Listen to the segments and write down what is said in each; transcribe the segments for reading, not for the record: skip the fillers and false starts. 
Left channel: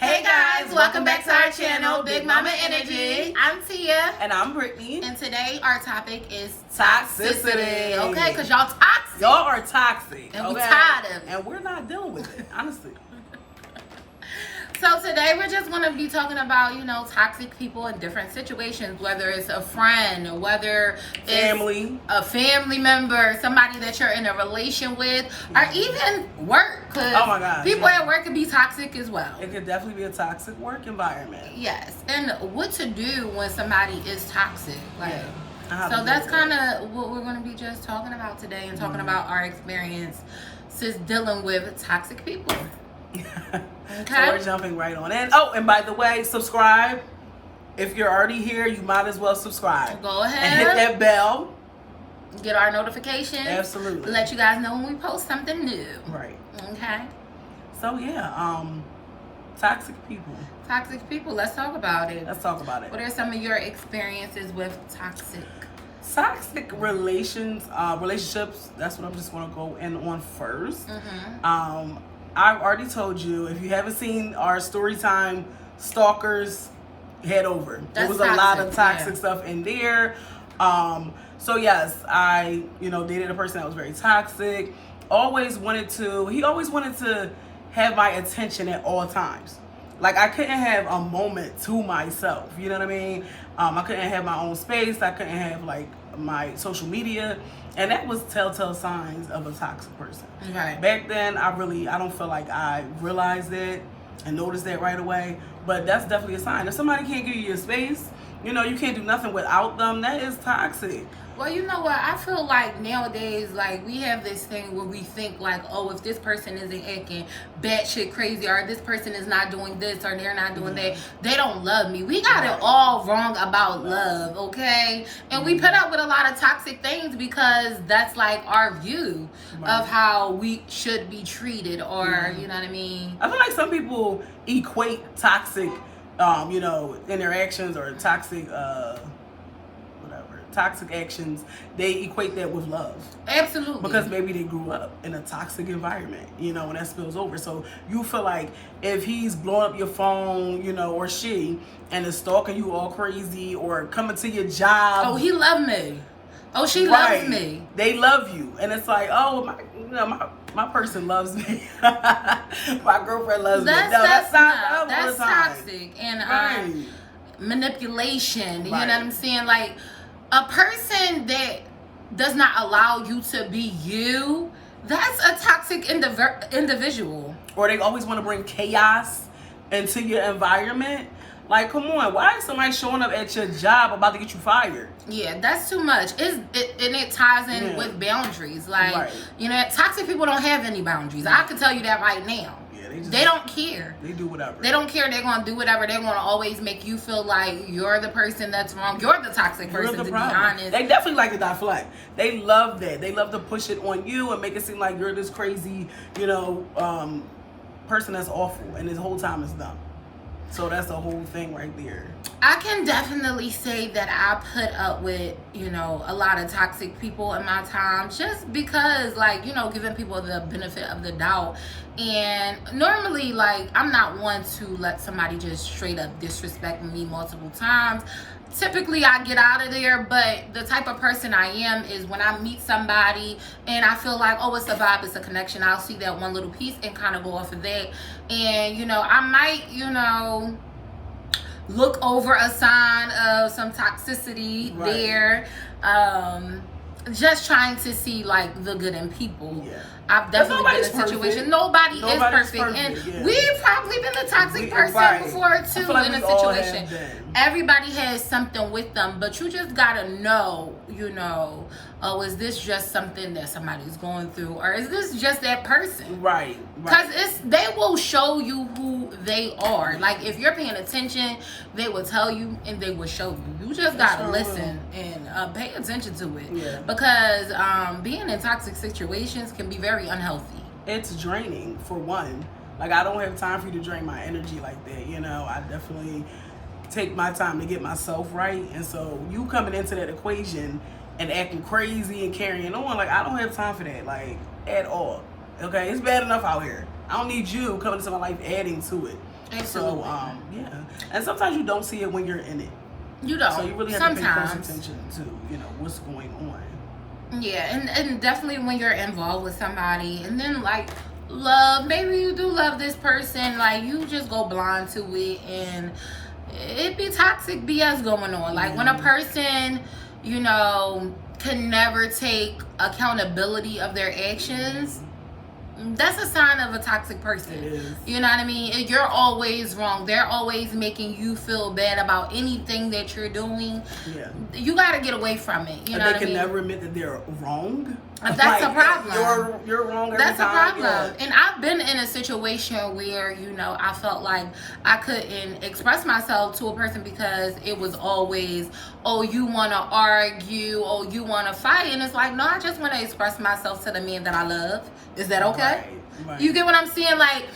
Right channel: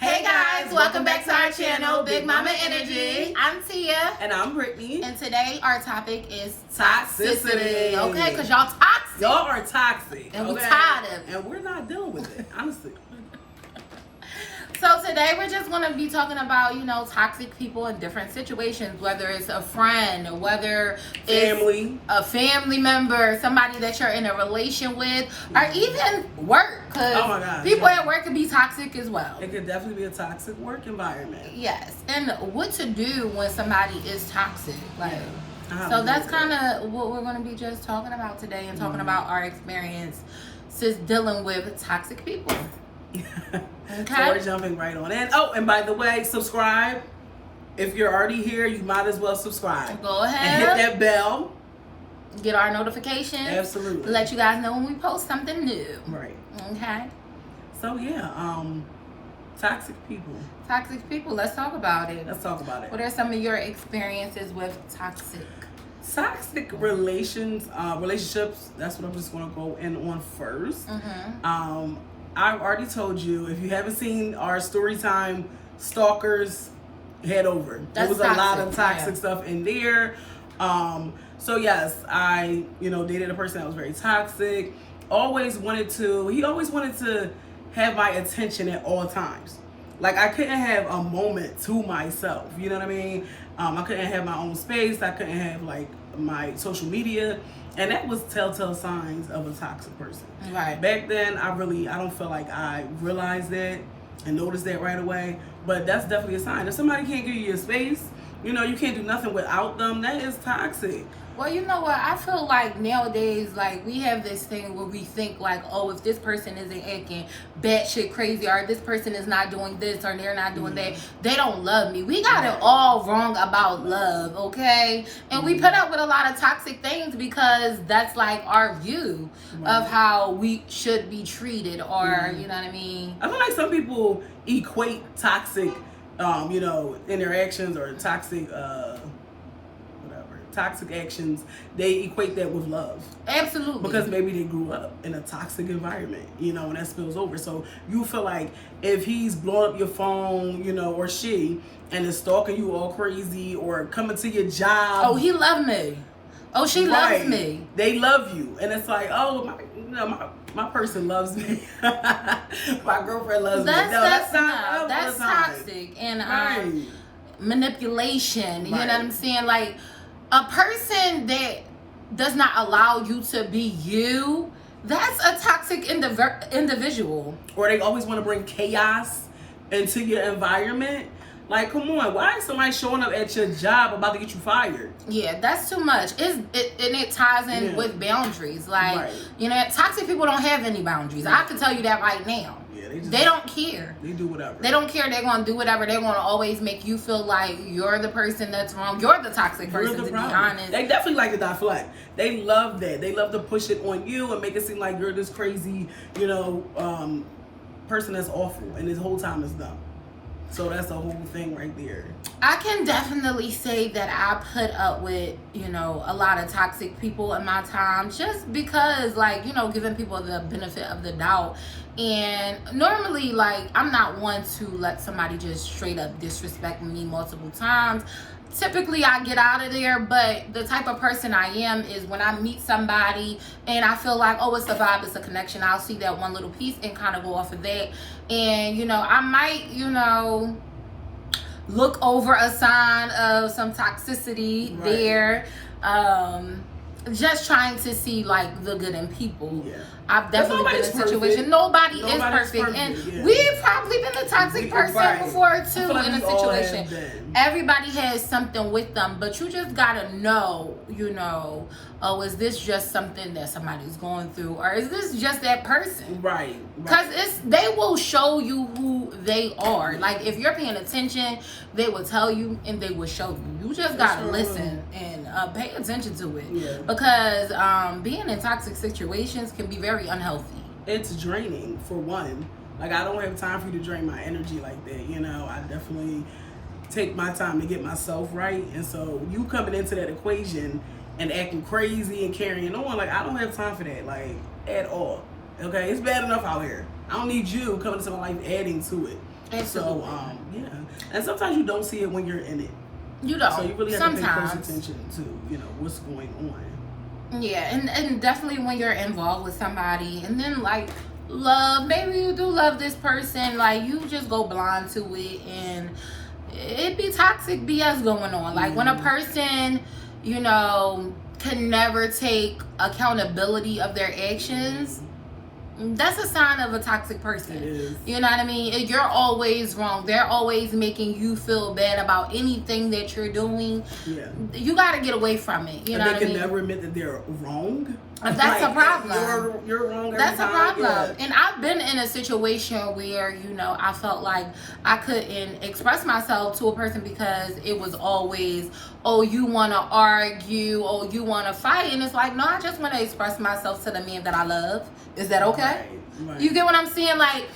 Hey guys, welcome back to our channel, Big Mama Energy. I'm Tia. And I'm Brittany. And today our topic is Toxicity. Okay, because y'all toxic. Y'all are toxic. And we're tired of it. And we're not dealing with it, honestly. So today we're just going to be talking about, toxic people in different situations, whether it's a friend, whether it's a family member, somebody that you're in a relation with, or even work. Oh my gosh. People at work can be toxic as well. It could definitely be a toxic work environment. Yes. And what to do when somebody is toxic. So that's kind of what we're going to be just talking about today and talking about our experiences dealing with toxic people. Okay. So we're jumping right on in. Oh, and by the way, subscribe. If you're already here, you might as well subscribe. Go ahead. And hit that bell. Get our notifications. Absolutely. Let you guys know when we post something new. Right. Okay. So yeah, toxic people. Toxic people. Let's talk about it. Let's talk about it. What are some of your experiences with toxic relationships? That's what I'm just going to go in on first. I've already told you, if you haven't seen our story time stalkers, head over. There was a lot of toxic stuff in there. So yes, I dated a person that was very toxic. He always wanted to have my attention at all times. Like, I couldn't have a moment to myself. You know what I mean? I couldn't have my own space. I couldn't have my social media. And that was telltale signs of a toxic person. Right. Back then, I don't feel like I realized that and noticed that right away. But that's definitely a sign. If somebody can't give you your space, you can't do nothing without them, that is toxic. Well, you know what? I feel like nowadays, we have this thing where we think if this person isn't acting batshit crazy, or this person is not doing this, or they're not doing that, they don't love me. We got it all wrong about love, okay? And we put up with a lot of toxic things because that's our view of how we should be treated, or you know what I mean? I feel like some people equate toxic, interactions or toxic actions, they equate that with love. Absolutely. Because maybe they grew up in a toxic environment, and that spills over. So you feel like if he's blowing up your phone, or she, and is stalking you all crazy or coming to your job. Oh, he loved me. Oh, she loves me. They love you. And it's like, oh, my person loves me. My girlfriend loves me. No, that's not love. That's toxic. And manipulation. You know what I'm saying? A person that does not allow you to be you, that's a toxic individual. Or they always want to bring chaos into your environment. Come on, why is somebody showing up at your job about to get you fired? Yeah, that's too much. And it ties in with boundaries. Toxic people don't have any boundaries. I can tell you that right now. They don't care. They do whatever. They don't care. They're going to do whatever. They're going to always make you feel like you're the person that's wrong. You're the toxic person, to be honest. They definitely like to deflect. They love that. They love to push it on you and make it seem like you're this crazy, person that's awful. And this whole time is dumb. So that's the whole thing right there. I can definitely say that I put up with, a lot of toxic people in my time, just because, giving people the benefit of the doubt. And normally, I'm not one to let somebody just straight up disrespect me multiple times. Typically, I get out of there, but the type of person I am is when I meet somebody and I feel like, oh, it's a vibe, it's a connection, I'll see that one little piece and kind of go off of that. And, I might, look over a sign of some toxicity there. Just trying to see the good in people. Yeah. I've definitely been in a situation. Nobody's perfect. And we've probably been a toxic person before too, in a situation. Everybody has something with them, but you just gotta know, oh, is this just something that somebody's going through, or is this just that person? Right. Because they will show you who they are. If you're paying attention, they will tell you and they will show you. You just gotta listen and pay attention to it. Yeah. Because being in toxic situations can be very unhealthy. It's draining, for one. I don't have time for you to drain my energy like that. I definitely take my time to get myself right. And so you coming into that equation and acting crazy and carrying on, I don't have time for that, at all. Okay, it's bad enough out here. I don't need you coming into my life adding to it. Absolutely. So, yeah. And sometimes you don't see it when you're in it. You don't. So you really have to pay close attention to, what's going on. Yeah, and definitely when you're involved with somebody, and then like love, maybe you do love this person, like you just go blind to it, and it be toxic BS going on. Like when a person, can never take accountability of their actions, that's a sign of a toxic person. You know what I mean? You're always wrong. They're always making you feel bad about anything that you're doing. Yeah. You got to get away from it. You know what I mean? They can never admit that they're wrong. That's a problem. You're wrong every That's time. a problem. And I've been in a situation where, I felt like I couldn't express myself to a person because it was always, oh, you want to argue, oh, you want to fight. And it's like, no, I just want to express myself to the man that I love. Is that okay? Right. You get what I'm saying? Like,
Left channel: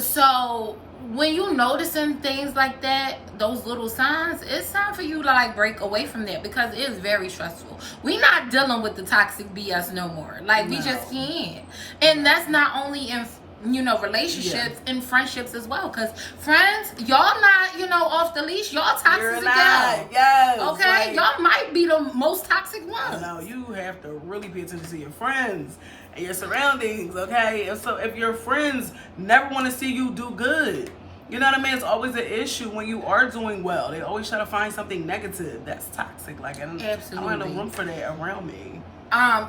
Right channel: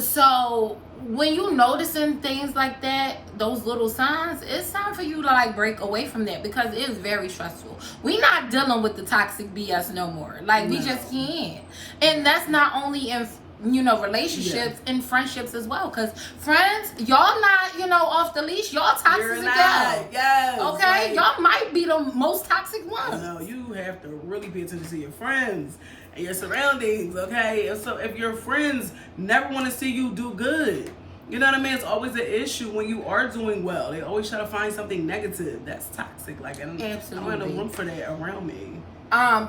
so when you noticing things like that, those little signs, it's time for you to like break away from that because it is very stressful. We not dealing with the toxic BS no more. Like we just can't. And that's not only in relationships and friendships as well. Because friends, y'all not off the leash. Y'all toxic as hell. Yes. Okay, y'all might be the most toxic ones. No, you have to really pay attention to your friends and your surroundings, okay? And so if your friends never want to see you do good, you know what I mean? It's always an issue when you are doing well. They always try to find something negative. That's toxic. Like, I don't have no room for that around me.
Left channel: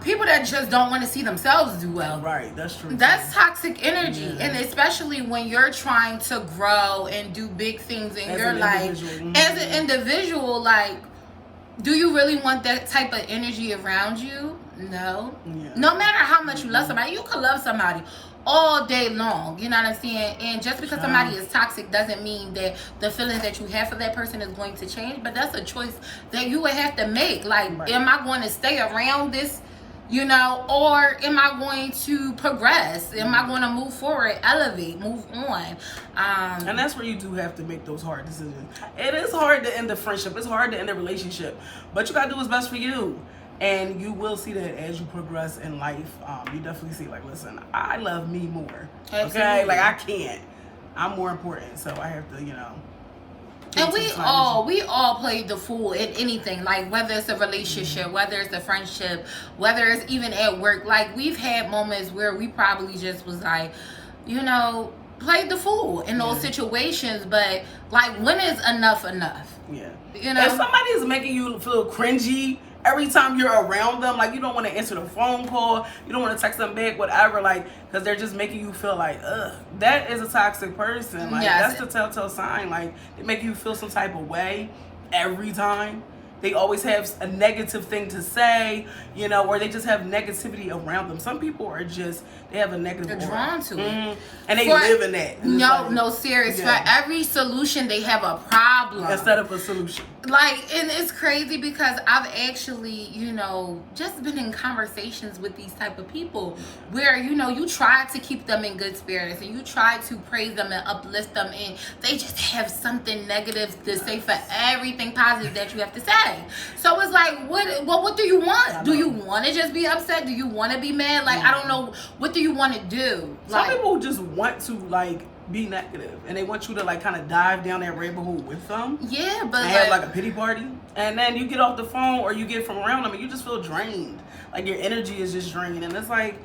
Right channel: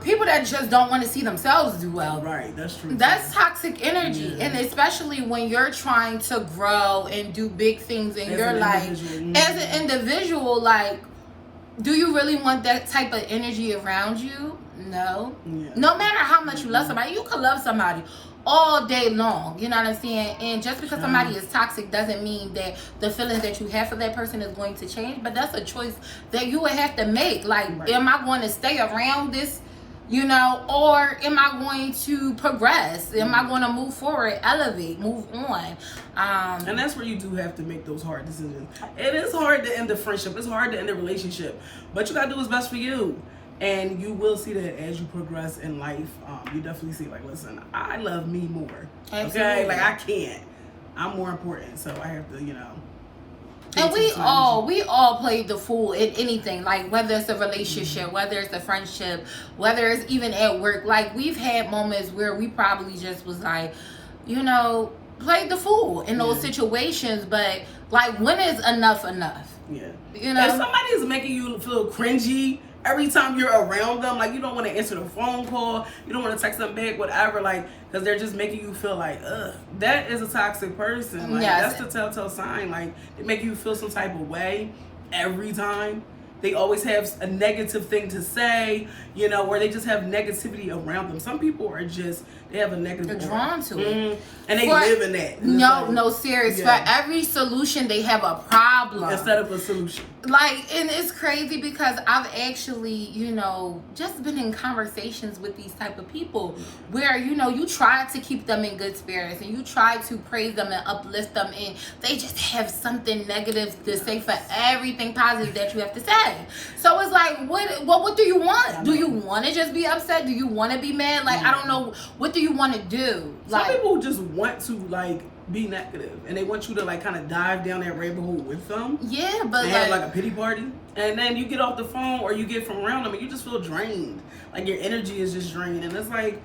People that just don't want to see themselves do well. Right, that's true. That's toxic energy. And especially when you're trying to grow and do big things in your life. As an individual, like, do you really want that type of energy around you? No. Yeah. No matter how much you love somebody, you can love somebody all day long. You know what I'm saying? And just because somebody is toxic doesn't mean that the feelings that you have for that person is going to change. But that's a choice that you would have to make. Like, am I going to stay around this, or am I going to progress? Am I going to move forward, elevate, move on? And that's where you do have to make those hard decisions. It is hard to end a friendship. It's hard to end a relationship. But you got to do what's best for you. And you will see that as you progress in life. You definitely see, like, listen, I love me more. Absolutely. Okay? Like, I can't. I'm more important. So I have to, And we all play the fool in anything, like whether it's a relationship, whether it's a friendship, whether it's even at work. Like, we've had moments where we probably just was like, played the fool in those situations. But like, when is enough enough? Yeah. If somebody is making you feel cringy every time you're around them, like, you don't want to answer the phone call, you don't want to text them back, whatever, like, because they're just making you feel like, ugh, that is a toxic person. Like, that's the telltale sign. Like, they make you feel some type of way every time. They always have a negative thing to say, or they just have negativity around them. Some people are just, they have a negative They're drawn to it. And they live in that. No, serious. For every solution, they have a problem. Instead of a solution. Like, and it's crazy because I've actually, just been in conversations with these type of people where, you try to keep them in good spirits and you try to praise them and uplift them, and they just have something negative to say for everything positive that you have to say. So it's like, what do you want? Do you want to just be upset? Do you want to be mad? Like, I don't know. What do you want to do? Some people just want to, like, be negative, and they want you to, like, kind of dive down that rabbit hole with them. Yeah, but have like a pity party, and then you get off the phone or you get from around them and you just feel drained. Like, your energy is just draining, and it's like,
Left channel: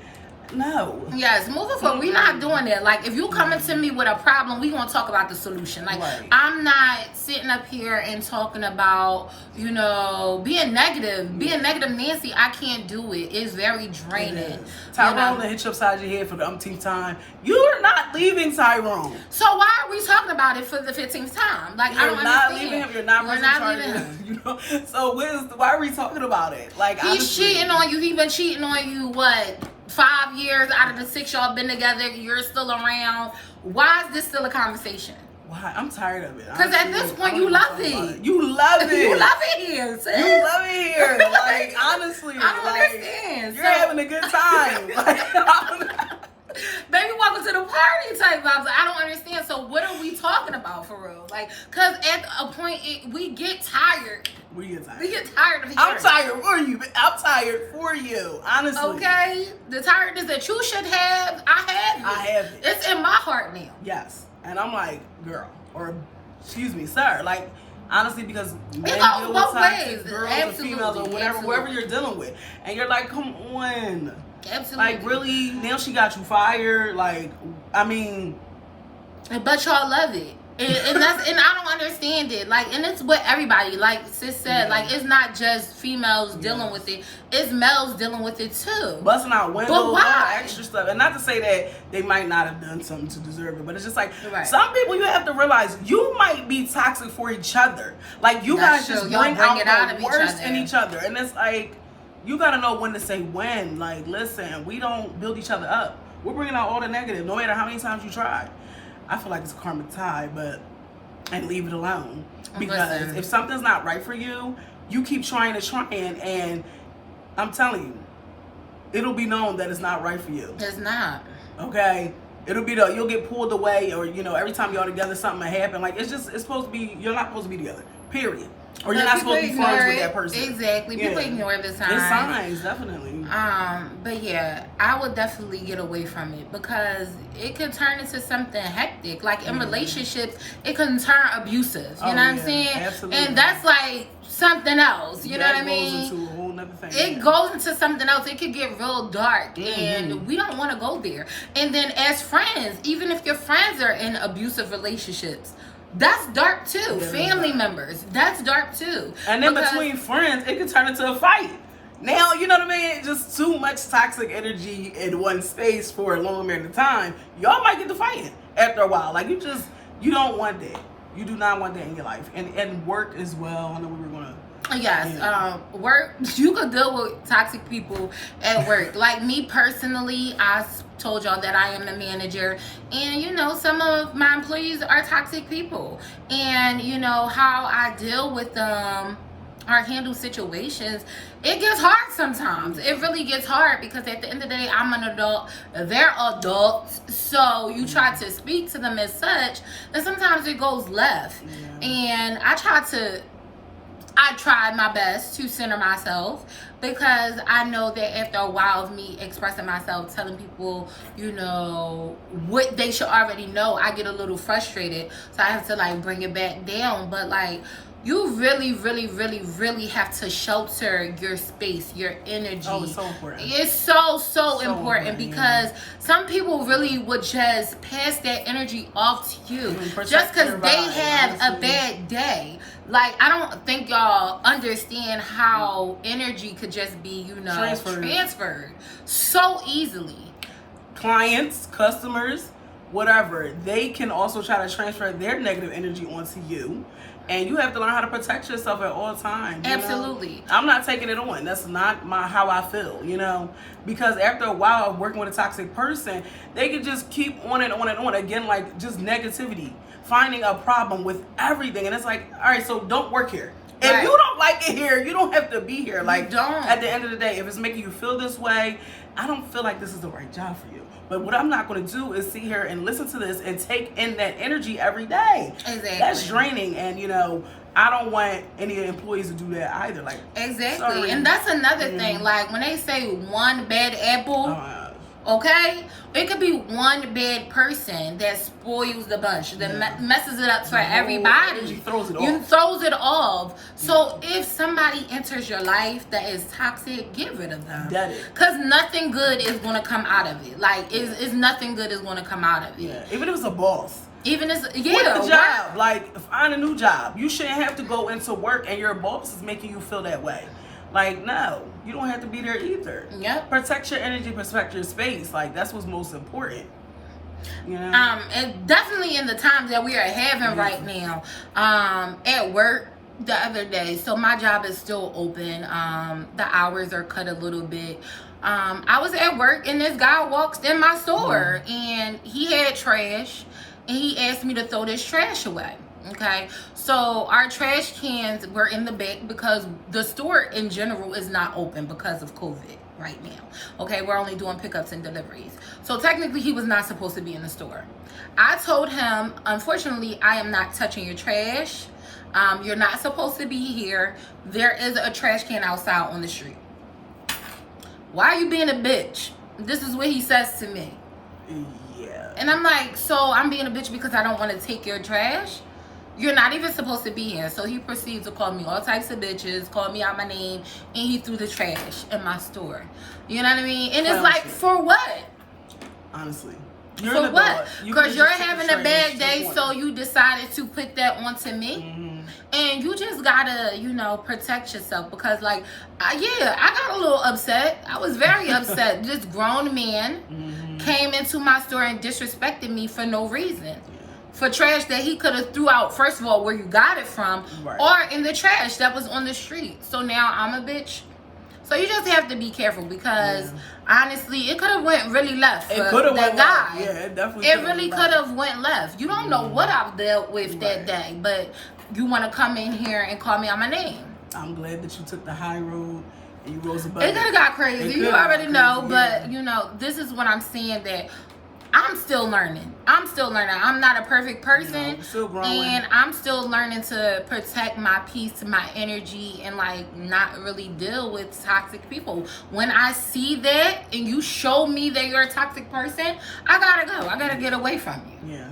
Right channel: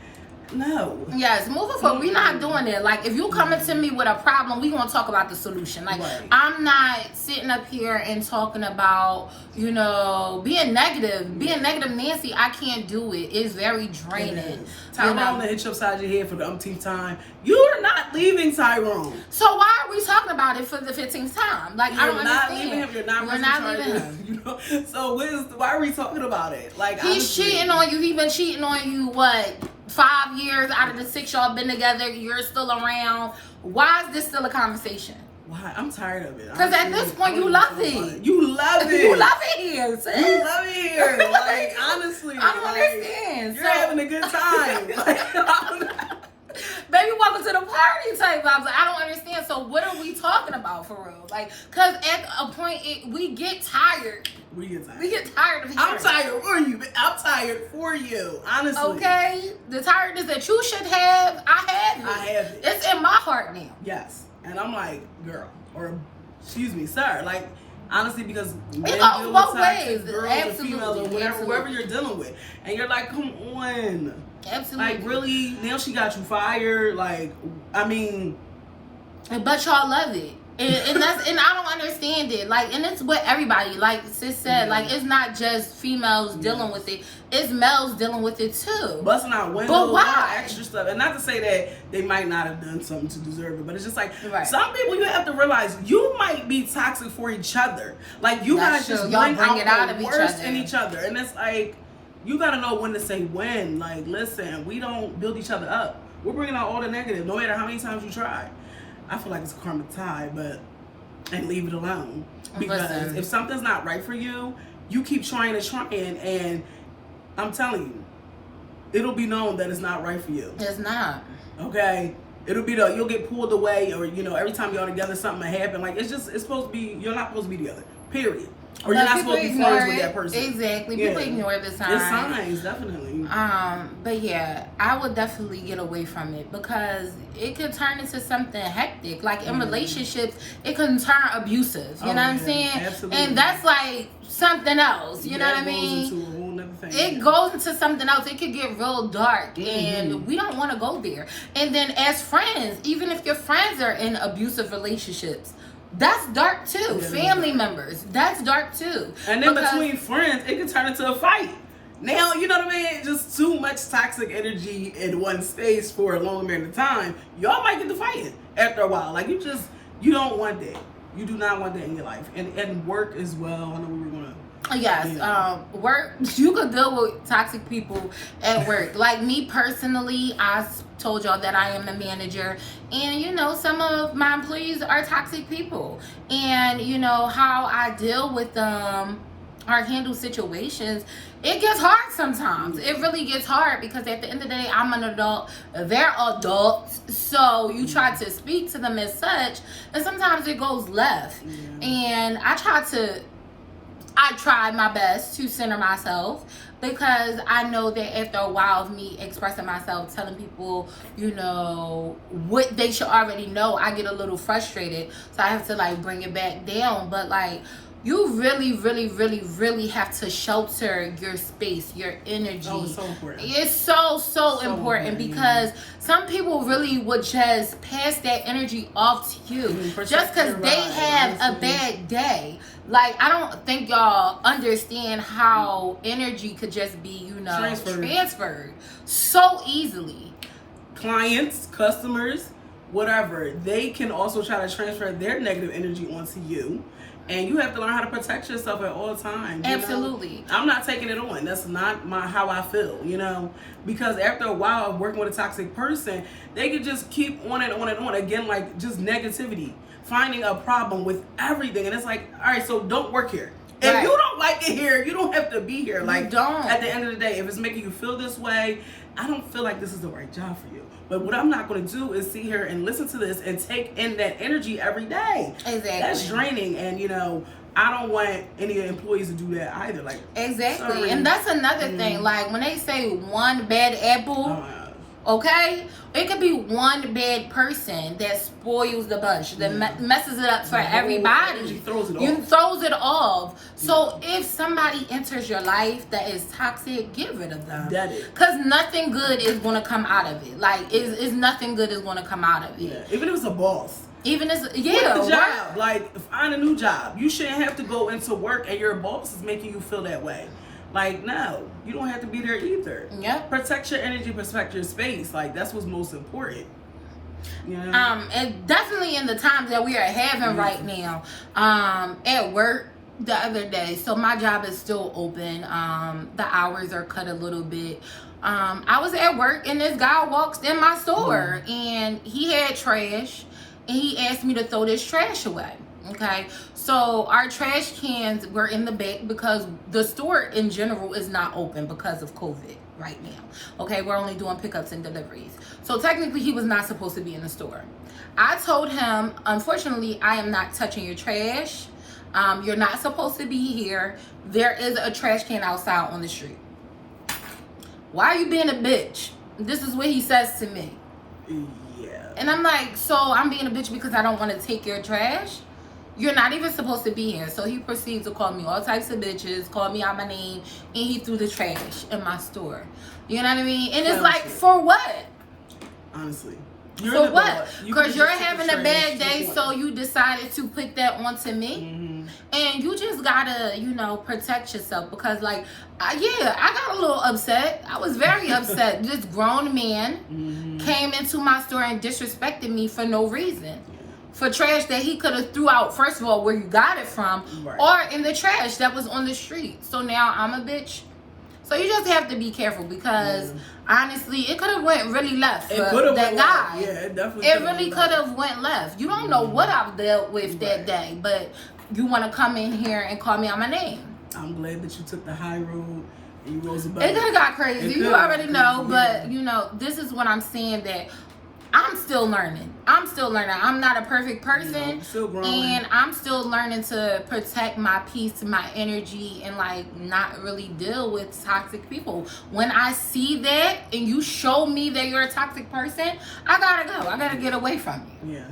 no. Yes, moving forward, we're not doing that. Like, if you coming to me with a problem, we gonna talk about the solution. Like, I'm not sitting up here and talking about, being negative. Being negative Nancy, I can't do it. It's very draining. Tyrone hit you upside your head for the umpteenth time. You're not leaving Tyrone. So why are we talking about it for the 15th time? Like, I don't understand. You're not leaving him. So why are we talking about it? Like, he's cheating on you. He's been cheating on you, what, 5 years out of the 6 y'all been together? You're still around. Why is this still a conversation? Why? I'm tired of it. Because at this point, you love it. You love it. You love it here, sis. You love it here. Like, honestly. I don't understand. You're having a good time. Baby, welcome to the party type vibes. I don't understand. So what are we talking about for real? Like, because at a point, we get tired. We get tired. We get tired of hearing. I'm tired for you. I'm tired for you. Honestly. Okay? The tiredness that you should have, I have it. I have it. It's in my heart now. Yes. And I'm like, girl, or excuse me, sir. Like, honestly, because it goes both ways. Girls Absolutely. or females or whatever, Absolutely. whoever you're dealing with. And you're like, come on. Absolutely. Like, really? Now she got you fired? Like, I mean. But y'all love it. And that's, and I don't understand it. Like, and it's with everybody. Like sis said, like, it's not just females dealing with it. It's males dealing with it too. Busting out windows, but why? Extra stuff. And not to say that they might not have done something to deserve it, but it's just like, right. Some people, you have to realize you might be toxic for each other. Like, you guys just bring out the worst in each other. And it's like, you got to know when to say when. Like, listen, we don't build each other up. We're bringing out all the negative, no matter how many times you try. I feel like it's a karmic tie, and leave it alone. Because if something's not right for you, you keep trying, and I'm telling you, it'll be known that it's not right for you. It's not. Okay? It'll be you'll get pulled away, or every time y'all together something will happen. Like, it's supposed to be, you're not supposed to be together. Period. Or you're not supposed to be friends with that person. Exactly. People ignore the signs. It's signs, definitely. But yeah, I would definitely get away from it because it could turn into something hectic. Like in relationships, it can turn abusive. You know what I'm saying? Absolutely. And that's like something else. You know what I mean? Goes into a whole nother thing. It goes into something else. It could get real dark, and we don't want to go there. And then as friends, even if your friends are in abusive relationships, that's dark too. Yeah, family members, that's dark too. And then between friends, it can turn into a fight. Now, you know what I mean? Just too much toxic energy in one space for a long amount of time. Y'all might get to fighting after a while. Like, you don't want that. You do not want that in your life. And work as well. I know we were going to. Yes, work. You could deal with toxic people at work. Like me personally, I told y'all that I am a manager, and some of my employees are toxic people, and how I deal with them or handle situations, it gets hard sometimes. It really gets hard because at the end of the day, I'm an adult, they're adults, so you try to speak to them as such, and sometimes it goes left. And I tried my best to center myself, because I know that after a while of me expressing myself, telling people, what they should already know, I get a little frustrated. So I have to bring it back down. But you really, really, really, really have to shelter your space, your energy. Oh, it's so important. It's so important, because some people really would just pass that energy off to you just because they have a bad day. I don't think y'all understand how energy could just be, transferred so easily. Clients, customers, whatever, they can also try to transfer their negative energy onto you. And you have to learn how to protect yourself at all times. Absolutely. I'm not taking it on. That's not how I feel, Because after a while of working with a toxic person, they can just keep on and on and on. Again, just negativity. Finding a problem with everything. And it's like, all right, so don't work here. If you don't like it here, you don't have to be here. Don't. At the end of the day, if it's making you feel this way, I don't feel like this is the right job for you. But what I'm not going to do is sit here and listen to this and take in that energy every day. Exactly. That's draining, and I don't want any employees to do that either. Exactly. Sorry. And that's another thing. When they say one bad apple, okay, it could be one bad person that spoils the bunch, that messes it up for everybody. Throws it off. So if somebody enters your life that is toxic, get rid of them. Because nothing good is going to come out of it. It's nothing good is going to come out of it. Yeah. Even if it's a boss. Even as Quit the job. Find a new job. You shouldn't have to go into work and your boss is making you feel that way. No, you don't have to be there either. Yep. Protect your energy, protect your space. That's what's most important. And definitely in the times that we are having right now, at work the other day. So my job is still open. The hours are cut a little bit. I was at work and this guy walks in my store and he had trash, and he asked me to throw this trash away. Okay, so our trash cans were in the back because the store in general is not open because of COVID right now. Okay, we're only doing pickups and deliveries. So technically he was not supposed to be in the store. I told him, unfortunately, I am not touching your trash. You're not supposed to be here. There is a trash can outside on the street. Why are you being a bitch? This is what he says to me. Yeah. And I'm like, so I'm being a bitch because I don't want to take your trash? You're not even supposed to be here. So he proceeds to call me all types of bitches, call me out my name, and he threw the trash in my store. You know what I mean? And it's like, for what? Honestly. For what? Because you're having a bad day, so you decided to put that onto me. Mm-hmm. And you just gotta, you know, protect yourself. Because, like, I got a little upset. I was very upset. This grown man came into my store and disrespected me for no reason. For trash that he could have threw out, first of all, where you got it from, or in the trash that was on the street. So now I'm a bitch. So you just have to be careful because honestly, it could have went really left for that guy. Yeah, it definitely. It really could have went left. You don't know what I've dealt with that day, but you want to come in here and call me on my name. I'm glad that you took the high road and you rose above. It could have got crazy. You already know, but you know, this is what I'm saying, that I'm still learning. I'm not a perfect person. Still growing. And I'm still learning to protect my peace, my energy, and like not really deal with toxic people. When I see that and you show me that you're a toxic person, I gotta go. I gotta get away from you. Yeah.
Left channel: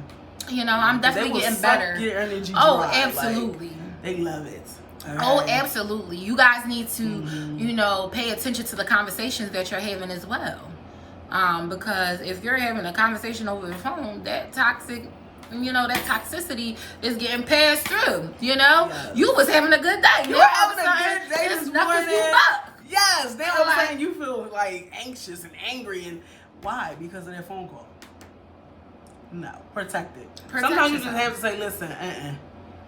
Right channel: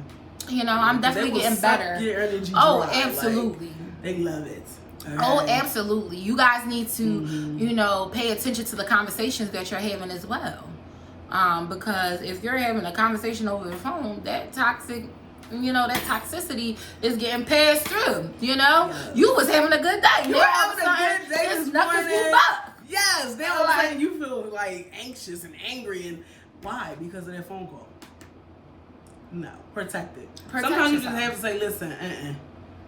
You know, I'm definitely getting better. Your energy oh, dry. absolutely. Like, they love it. Oh, absolutely. You guys need to, you know, pay attention to the conversations that you're having as well. Because if you're having a conversation over the phone, that toxic, you know, that toxicity is getting passed through. You know, you was having a good day. You were having a good day. It's nothing you up. Yes, they were like, you feel like anxious and angry, and why? Because of their phone call. No, protect it. Sometimes you just have to say, listen,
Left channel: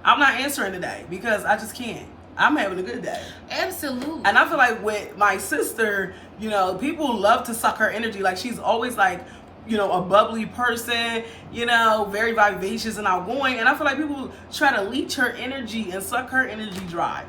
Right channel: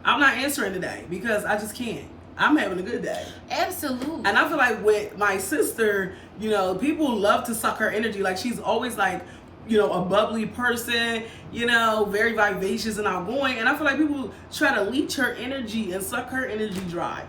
I'm not answering today because I just can't. I'm having a good day. Absolutely. And I feel like with my sister, you know, people love to suck her energy. Like, she's always like, you know, a bubbly person, you know, very vivacious and outgoing. And I feel like people try to leech her energy and suck her energy dry.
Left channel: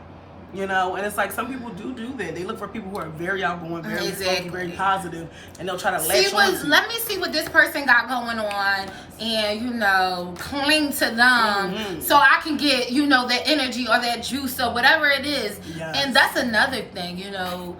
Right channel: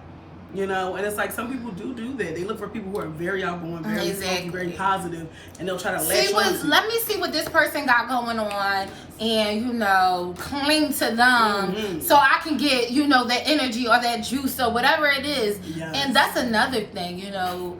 You know, and it's like some people do that. They look for people who are very outgoing, very funky, very positive, and they'll try to latch on. Let me see what this person got going on, and you know, cling to them so I can get, you know, that energy or that juice or whatever it is. Yes. And that's another thing, you know.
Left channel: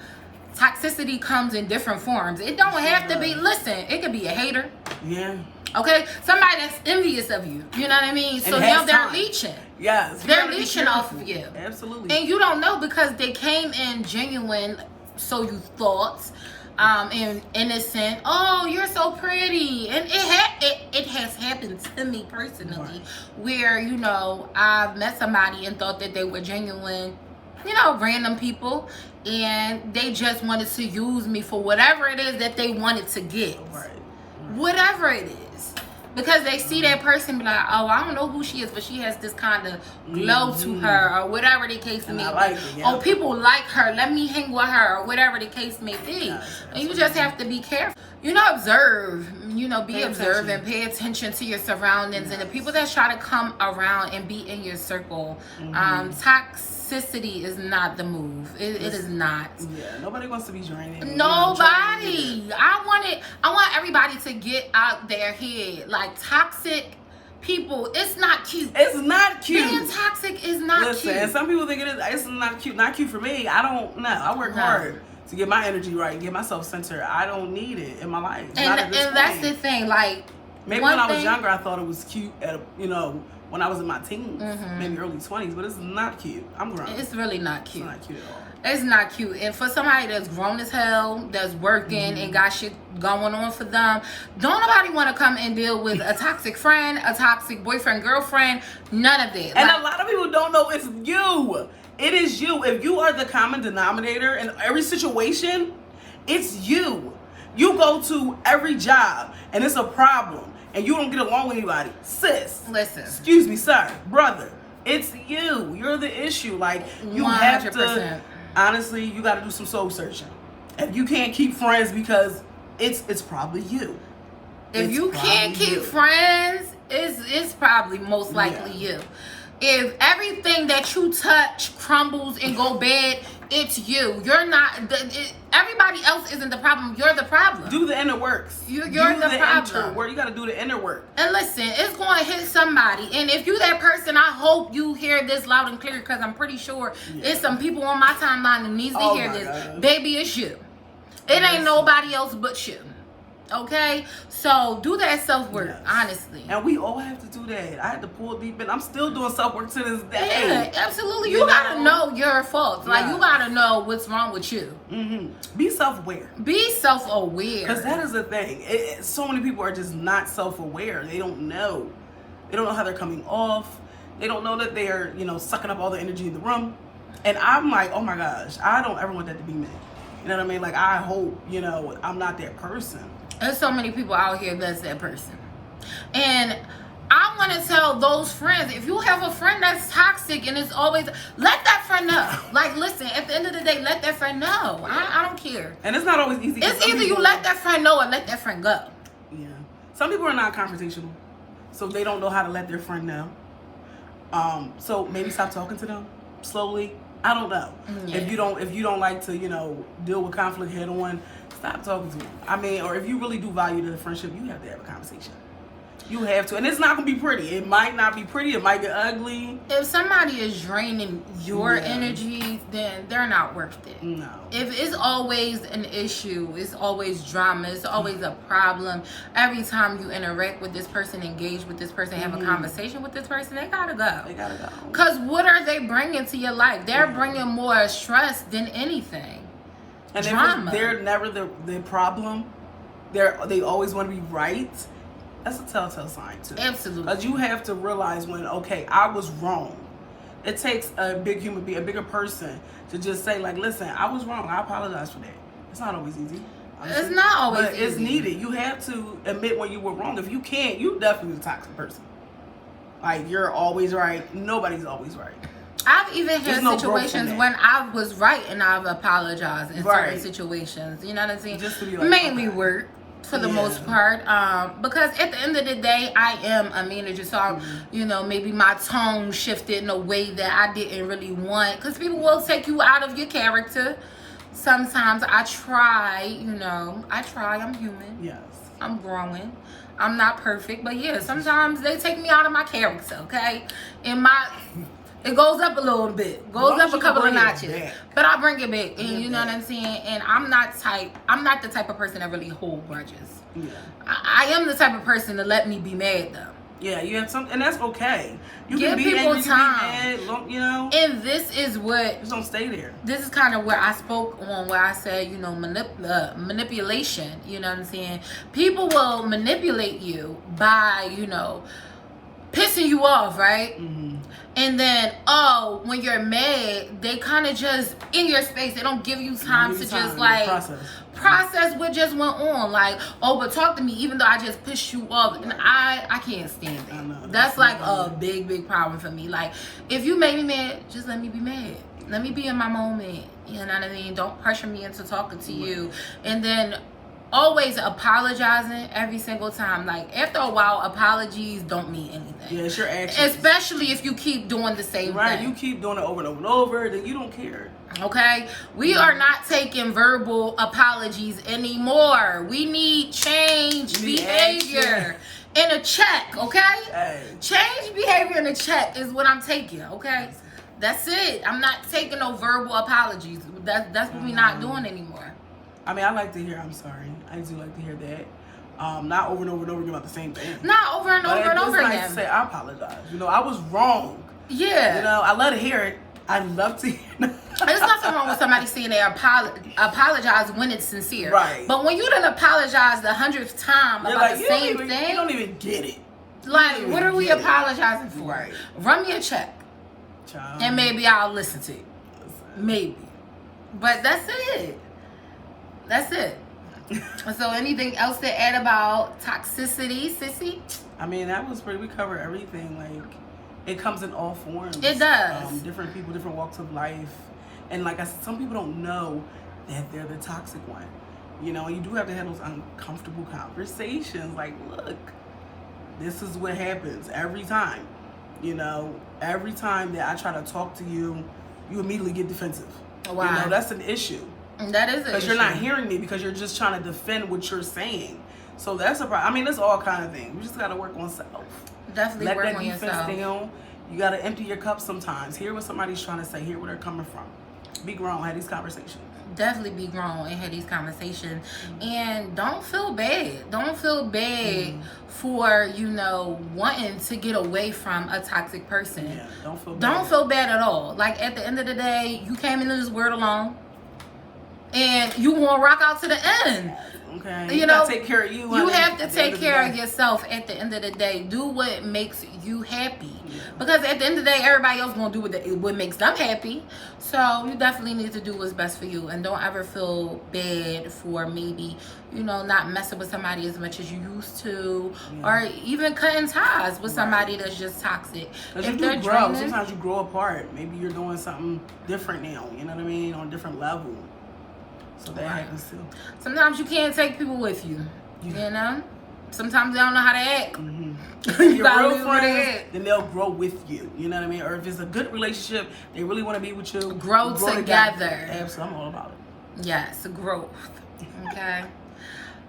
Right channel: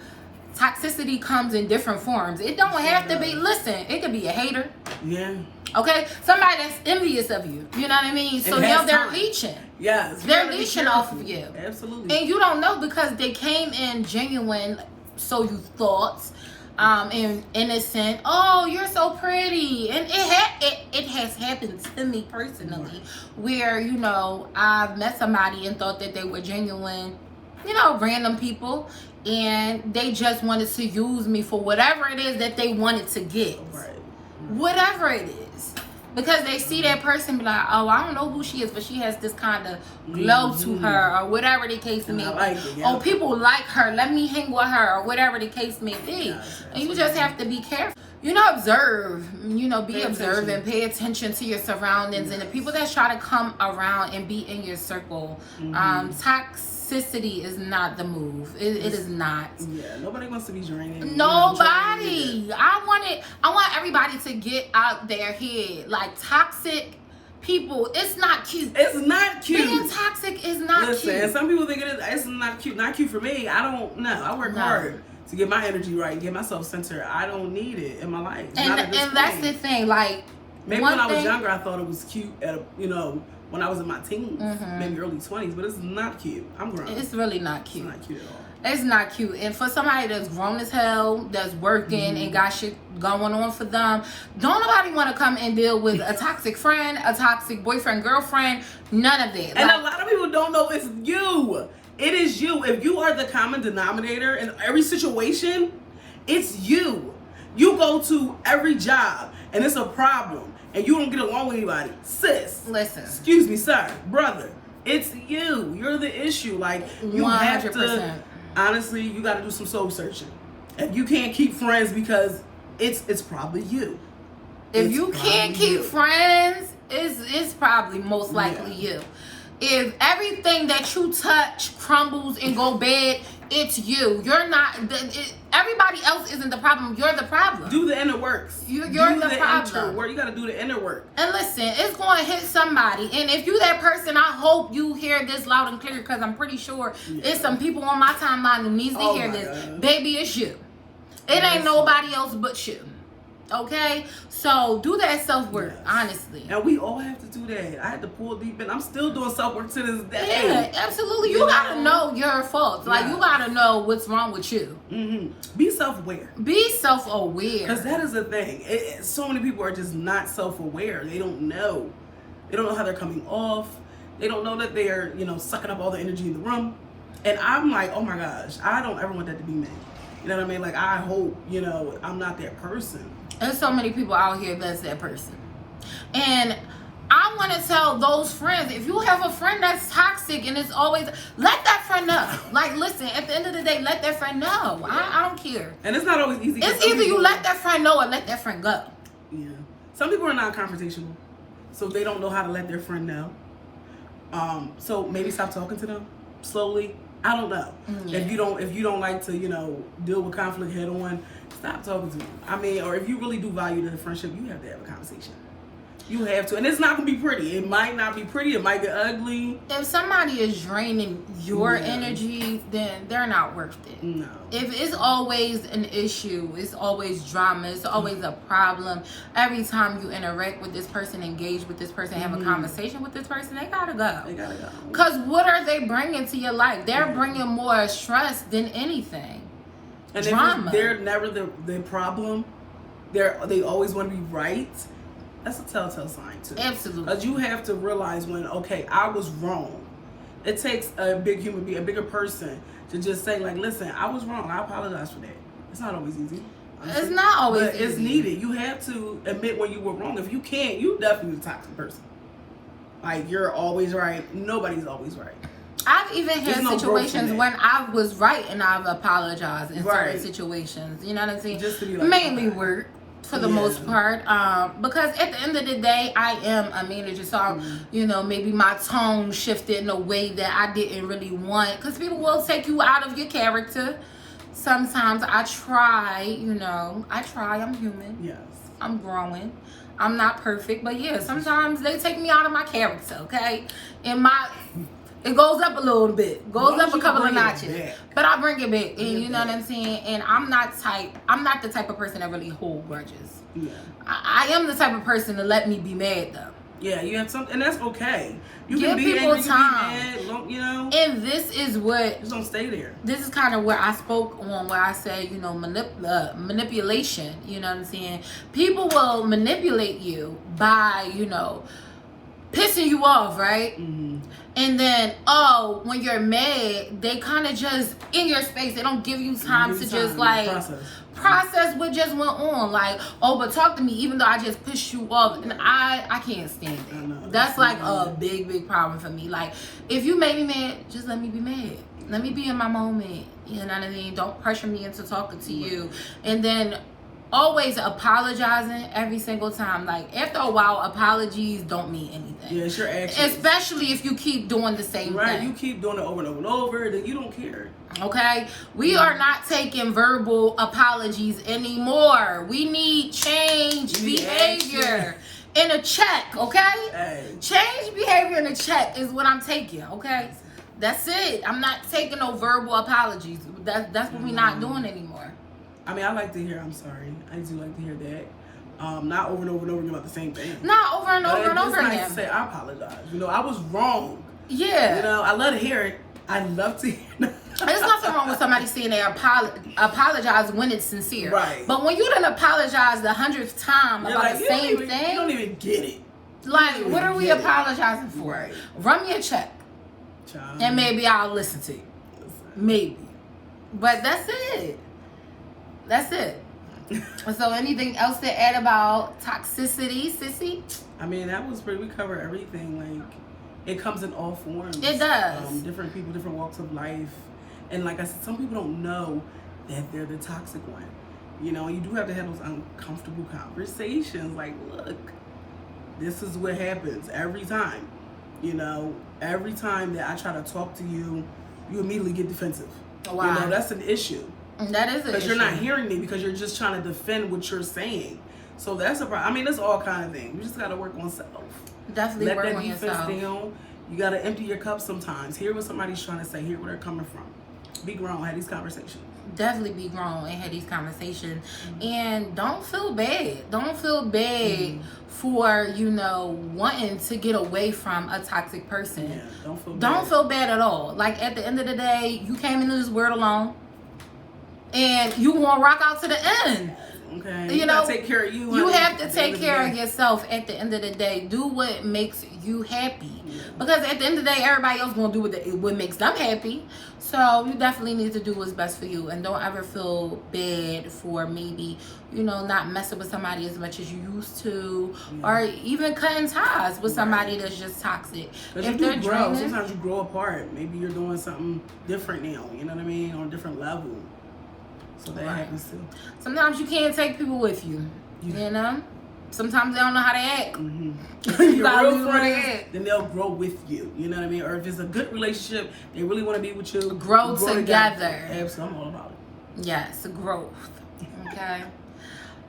Toxicity comes in different forms. It don't have to be. Listen, it could be a hater. Yeah. Okay, somebody that's envious of you. You know what I mean? So now they're leeching. Yes. They're leeching off of you. Absolutely. And you don't know because they came in genuine, so you thought, and innocent. Oh, you're so pretty. And it has happened to me personally, where, you know, I've met somebody and thought that they were genuine, you know, random people, and they just wanted to use me for whatever it is that they wanted to get. Whatever it is. Because they see that person be like, oh, I don't know who she is, but she has this kind of glow to her, or whatever the case may be. Oh, people like her, let me hang with her, or whatever the case may be. And you just have to be careful. You know, observe, you know, be observant, pay attention to your surroundings, and the people that try to come around and be in your circle. Toxicity is not the move. It is not. Yeah, nobody wants to be draining. Nobody. I want everybody to get out their head. Like, toxic people, it's not cute. It's not cute. Being toxic is not cute. And some people think it's not cute. Not cute for me. I don't know. I work hard to get my energy right, get myself centered. I don't need it in my life. And that's the thing. Like, maybe when I was younger, I thought it was cute. You know, when I was in my teens, maybe early 20s, but it's not cute. I'm grown. It's really not cute. It's not cute at all. It's not cute. And for somebody that's grown as hell, that's working and got shit going on for them, don't nobody want to come and deal with a toxic friend, a toxic boyfriend, girlfriend, none of that. And a lot of people don't know it's you. It is you. If you are the common denominator in every situation, it's you. You go to every job and it's a problem and you don't get along with anybody. Sis. Listen. Excuse me, sir, brother. It's you. You're the issue. Like, you 100%. Have to, honestly, you got to do some soul searching. If you can't keep friends because it's probably you. If you can't keep friends, it's probably most likely you. If everything that you touch crumbles and go bad, it's you. You're not. Everybody else isn't the problem. You're the problem. Do the inner works. You're the problem. You got to do the inner work. And listen, it's going to hit somebody. And if you that person, I hope you hear this loud and clear, because I'm pretty sure it's some people on my timeline who needs to hear this. God. Baby, it's you. It ain't nobody else but you. Okay, so do that self-work, Yes. honestly. And we all have to do that. I had to pull deep in. I'm still doing self-work to this day. Yeah, absolutely. You gotta know your faults. Like, you gotta know what's wrong with you. Be self-aware. Be self-aware. Because that is the thing. So many people are just not self-aware. They don't know. They don't know how they're coming off. They don't know that they're, sucking up all the energy in the room. And I'm like, oh my gosh, I don't ever want that to be me. You know what I mean? Like, I hope, I'm not that person. There's so many people out here that's that person. And I want to tell those friends, if you have a friend that's toxic and it's always, let that friend know. Like, listen, at the end of the day, let that friend know. I don't care. And it's not always easy. It's either you let that friend know or let that friend go. Yeah. Some people are not confrontational, so they don't know how to let their friend know. So maybe stop talking to them slowly. I don't know. Yeah. If you don't like to, deal with conflict head on, stop talking to them. I mean, or if you really do value the friendship, you have to have a conversation. You have to. And it's not going to be pretty. It might not be pretty. It might get ugly. If somebody is draining your energy, then they're not worth it. No. If it's always an issue, it's always drama, it's always a problem. Every time you interact with this person, engage with this person, have a conversation with this person, they gotta go. They gotta go. Because what are they bringing to your life? They're bringing more stress than anything. And Drama. They're never the problem. They always want to be right. That's a telltale sign too. Absolutely. Because you have to realize when, okay, I was wrong. It takes a big human being, a bigger person, to just say, like, listen, I was wrong. I apologize for that. It's not always easy. Honestly. It's not always but easy. It's needed. You have to admit when you were wrong. If you can't, you definitely a toxic person. Like, you're always right. Nobody's always right. I've even had situations when I was right and I've apologized in certain situations. You know what I'm saying? Just to be like, mainly work. For the most part, because at the end of the day, I am a manager, so maybe my tone shifted in a way that I didn't really want, because people will take you out of your character. Sometimes I try, I'm human. Yes. I'm growing. I'm not perfect, but yeah, sometimes they take me out of my character, okay? And it goes up a little bit, goes up a couple of notches, but I bring it back, and you know what I'm saying. And I'm not the type of person that really hold grudges. Yeah. I am the type of person to let me be mad though. Yeah, you have something, and that's okay. You give can be people angry, time. You can be mad, And this is what. Just don't stay there. This is kind of where I spoke on, where I said, manipulation. You know what I'm saying? People will manipulate you by, pissing you off, right? And then, when you're mad, they kind of just in your space. They don't give you time to just like process what just went on. Like, but talk to me, even though I just pissed you off. And I can't stand that. That's like a big problem for me. Like, if you made me mad, just let me be mad. Let me be in my moment. You know what I mean? Don't pressure me into talking to you. And then always apologizing every single time. Like, after a while, apologies don't mean anything. Yeah, it's your actions. Especially if you keep doing the same thing. You keep doing it over and over and over, then you don't care. Okay? We are not taking verbal apologies anymore. We need change behavior in a check, okay? Hey. Change behavior in a check is what I'm taking, okay? That's it. I'm not taking no verbal apologies. That's what we're not doing anymore. I mean, I like to hear I'm sorry. I do like to hear that. Not over and over and over again about the same thing. Not over and over and over again. Nice to say I apologize. I was wrong. Yeah. I love to hear it. I love to hear it. There's nothing wrong with somebody saying they apologize when it's sincere. Right. But when you done apologize the 100th time about the same thing. You don't even get it. Like, what are we apologizing for? Right. Run me a check. Child. And maybe I'll listen to you. Maybe. But that's it. That's it. So anything else to add about toxicity, sissy? I mean, that was pretty, we covered everything. Like, it comes in all forms. It does. Different people, different walks of life. And like I said, some people don't know that they're the toxic one. You do have to have those uncomfortable conversations. Like, look, this is what happens every time. Every time that I try to talk to you, you immediately get defensive. Wow. That's an issue. That is an issue. Because you're not hearing me, because you're just trying to defend what you're saying. So that's a problem. I mean, it's all kind of things. You just got to work on self. Definitely work on yourself. Down. You got to empty your cup sometimes. Hear what somebody's trying to say. Hear where they're coming from. Be grown. Have these conversations. definitely be grown and have these conversations. And don't feel bad. Don't feel bad for, you know, wanting to get away from a toxic person. Yeah, don't feel bad. Don't feel bad at all. Like, at the end of the day, you came into this world alone, and you want to rock out to the end. Okay. You know, take care of you. You have to take care of yourself at the end of the day. Do what makes you happy. Yeah. Because at the end of the day, everybody else gonna do what makes them happy. So you definitely need to do what's best for you, and don't ever feel bad for maybe, you know, not messing with somebody as much as you used to, or even cutting ties with somebody that's just toxic. If they're draining, sometimes you grow apart. Maybe you're doing something different now. You know what I mean? On a different level. So that happens too. Sometimes you can't take people with you. You know? Sometimes they don't know how to act. You gotta leave where they at. Then they'll grow with you. You know what I mean? Or if it's a good relationship, they really want to be with you. Grow together. Absolutely, I'm all about it. Yes, growth. Okay.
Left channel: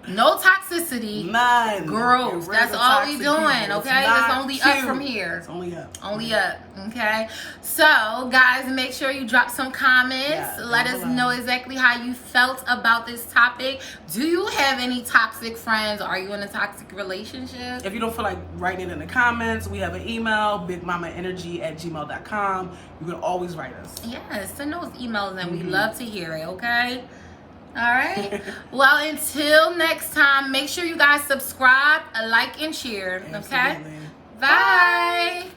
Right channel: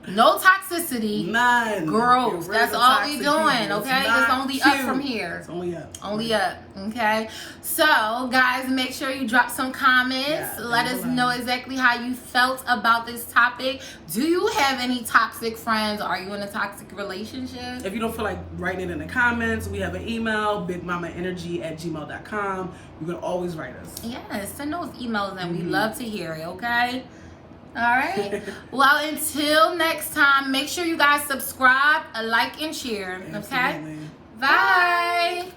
No toxicity. None. Growth. That's all we doing, people. okay? It's only up from here. It's only up. Only up, okay? So, guys, make sure you drop some comments. Let us know exactly how you felt about this topic. Do you have any toxic friends? Are you in a toxic relationship? If you don't feel like writing it in the comments, we have an email, bigmamaenergy@gmail.com. You can always write us. Yes, send those emails, and we love to hear it, okay? All right. Well, until next time, make sure you guys subscribe, like, and share. Okay? Absolutely. Bye.